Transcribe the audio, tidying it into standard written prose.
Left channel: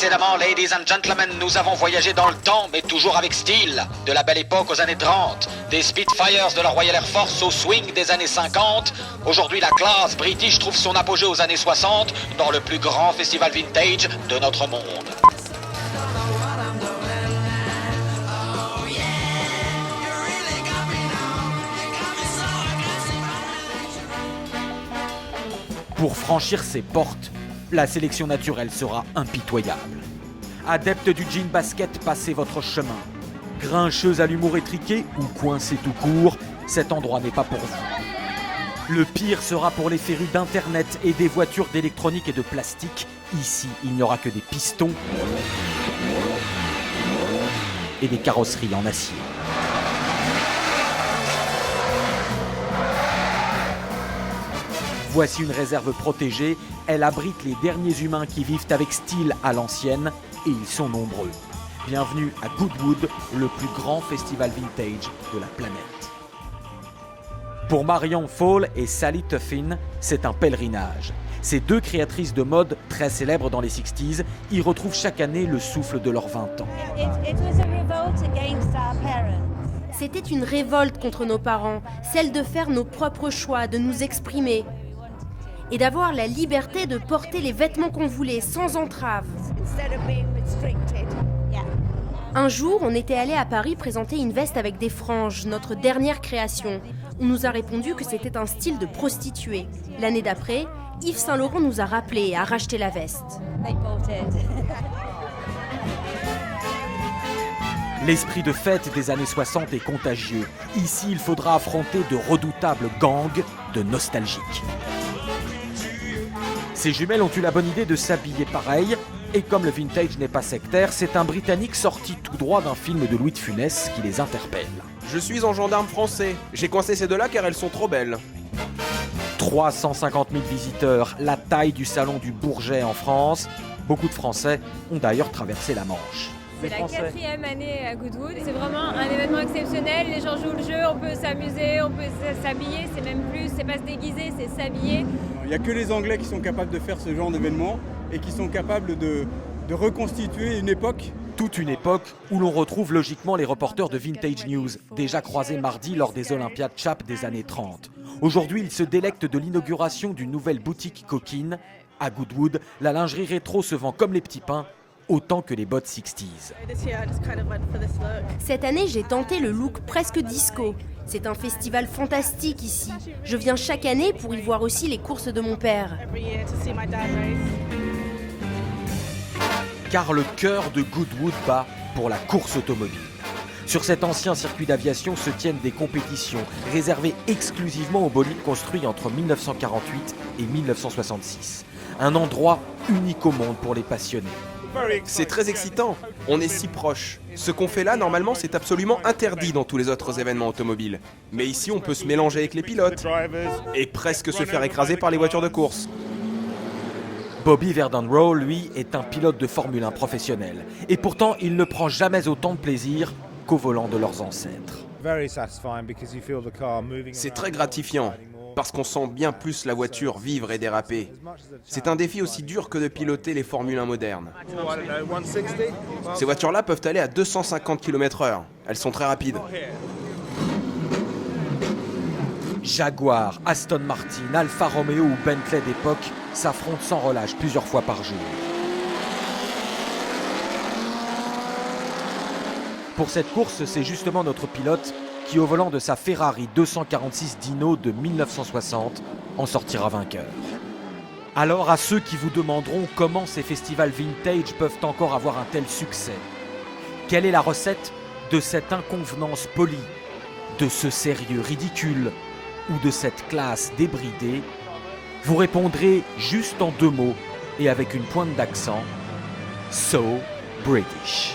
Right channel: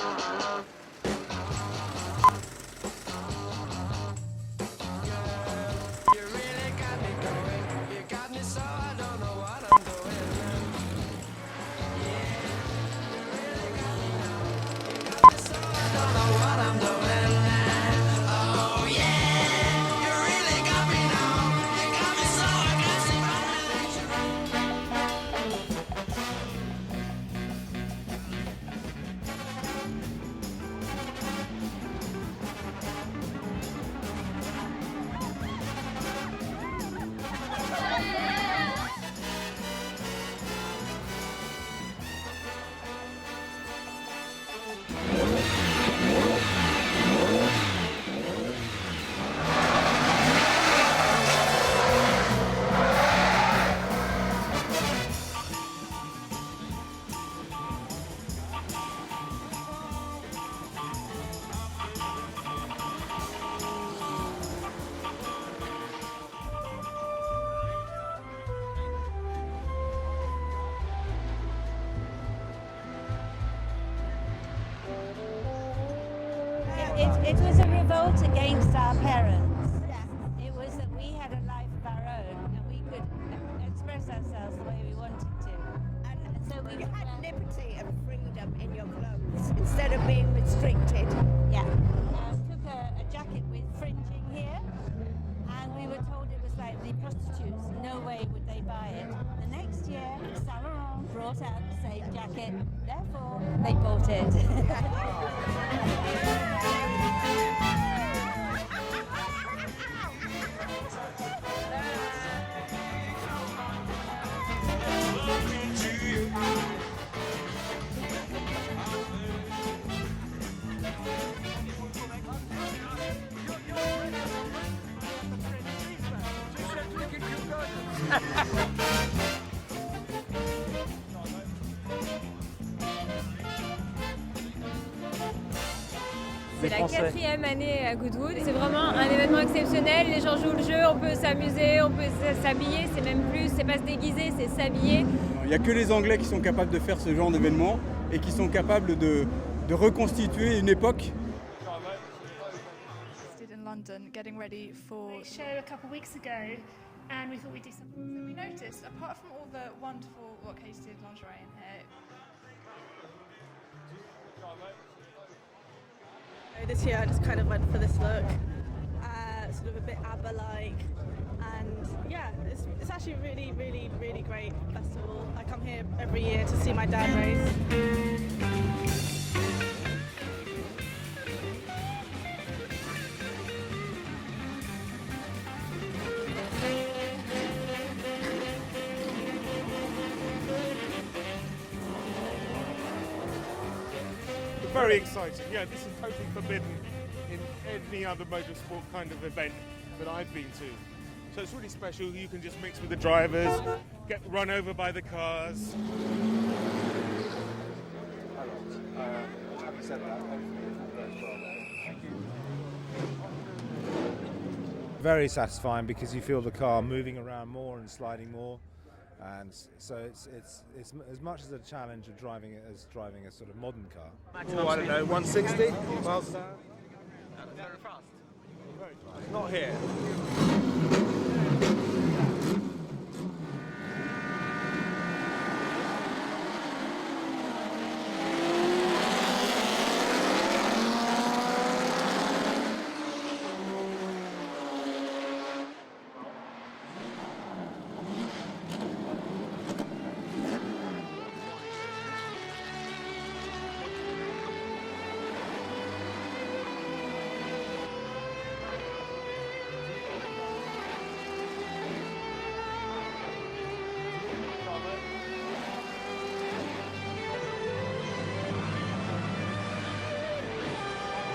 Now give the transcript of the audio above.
Précédemment, ladies and gentlemen, nous avons voyagé dans le temps, mais toujours avec style. De la belle époque aux années 30, des Spitfires de la Royal Air Force au swing des années 50. Aujourd'hui, la classe british trouve son apogée aux années 60 dans le plus grand festival vintage de notre monde. Pour franchir ces portes, la sélection naturelle sera impitoyable. Adepte du jean basket, passez votre chemin. Grincheuse à l'humour étriqué ou coincée tout court, cet endroit n'est pas pour vous. Le pire sera pour les séries d'internet et des voitures d'électronique et de plastique. Ici, il n'y aura que des pistons et des carrosseries en acier. Voici une réserve protégée, elle abrite les derniers humains qui vivent avec style à l'ancienne, et ils sont nombreux. Bienvenue à Goodwood, le plus grand festival vintage de la planète. Pour Marion Fall et Sally Tuffin, c'est un pèlerinage. Ces deux créatrices de mode très célèbres dans les 60s y retrouvent chaque année le souffle de leurs 20 ans. C'était une révolte contre nos parents, celle de faire nos propres choix, de nous exprimer et d'avoir la liberté de porter les vêtements qu'on voulait sans entrave. Un jour, on était allé à Paris présenter une veste avec des franges, notre dernière création. On nous a répondu que c'était un style de prostituée. L'année d'après, Yves Saint Laurent nous a rappelé et a racheté la veste. L'esprit de fête des années 60 est contagieux. Ici, il faudra affronter de redoutables gangs de nostalgiques. Ces jumelles ont eu la bonne idée de s'habiller pareil, et comme le vintage n'est pas sectaire, c'est un Britannique sorti tout droit d'un film de Louis de Funès qui les interpelle. Je suis en gendarme français. J'ai coincé ces deux-là car elles sont trop belles. 350 000 visiteurs, la taille du salon du Bourget en France. Beaucoup de Français ont d'ailleurs traversé la Manche. C'est la 4e année à Goodwood. C'est vraiment un événement exceptionnel. Les gens jouent le jeu, on peut s'amuser, on peut s'habiller. C'est même plus, c'est pas se déguiser, c'est s'habiller. Il n'y a que les Anglais qui sont capables de faire ce genre d'événement et qui sont capables de reconstituer une époque. Toute une époque où l'on retrouve logiquement les reporters de Vintage News, déjà croisés mardi lors des Olympiades Chap des années 30. Aujourd'hui, ils se délectent de l'inauguration d'une nouvelle boutique coquine. À Goodwood, la lingerie rétro se vend comme les petits pains, autant que les bottes 60s. Cette année, j'ai tenté le look presque disco. C'est un festival fantastique ici. Je viens chaque année pour y voir aussi les courses de mon père. Car le cœur de Goodwood bat pour la course automobile. Sur cet ancien circuit d'aviation se tiennent des compétitions réservées exclusivement aux bolides construits entre 1948 et 1966. Un endroit unique au monde pour les passionnés. C'est très excitant. On est si proches. Ce qu'on fait là, normalement, c'est absolument interdit dans tous les autres événements automobiles. Mais ici, on peut se mélanger avec les pilotes et presque se faire écraser par les voitures de course. Bobby Verdenroe, lui, est un pilote de Formule 1 professionnel. Et pourtant, il ne prend jamais autant de plaisir qu'au volant de leurs ancêtres. C'est très gratifiant, parce qu'on sent bien plus la voiture vivre et déraper. C'est un défi aussi dur que de piloter les Formule 1 modernes. Ces voitures-là peuvent aller à 250 km/h. Elles sont très rapides. Jaguar, Aston Martin, Alfa Romeo ou Bentley d'époque s'affrontent sans relâche plusieurs fois par jour. Pour cette course, c'est justement notre pilote qui, au volant de sa Ferrari 246 Dino de 1960, en sortira vainqueur. Alors à ceux qui vous demanderont comment ces festivals vintage peuvent encore avoir un tel succès, quelle est la recette de cette inconvenance polie, de ce sérieux ridicule ou de cette classe débridée? Vous répondrez juste en 2 mots et avec une pointe d'accent: So British.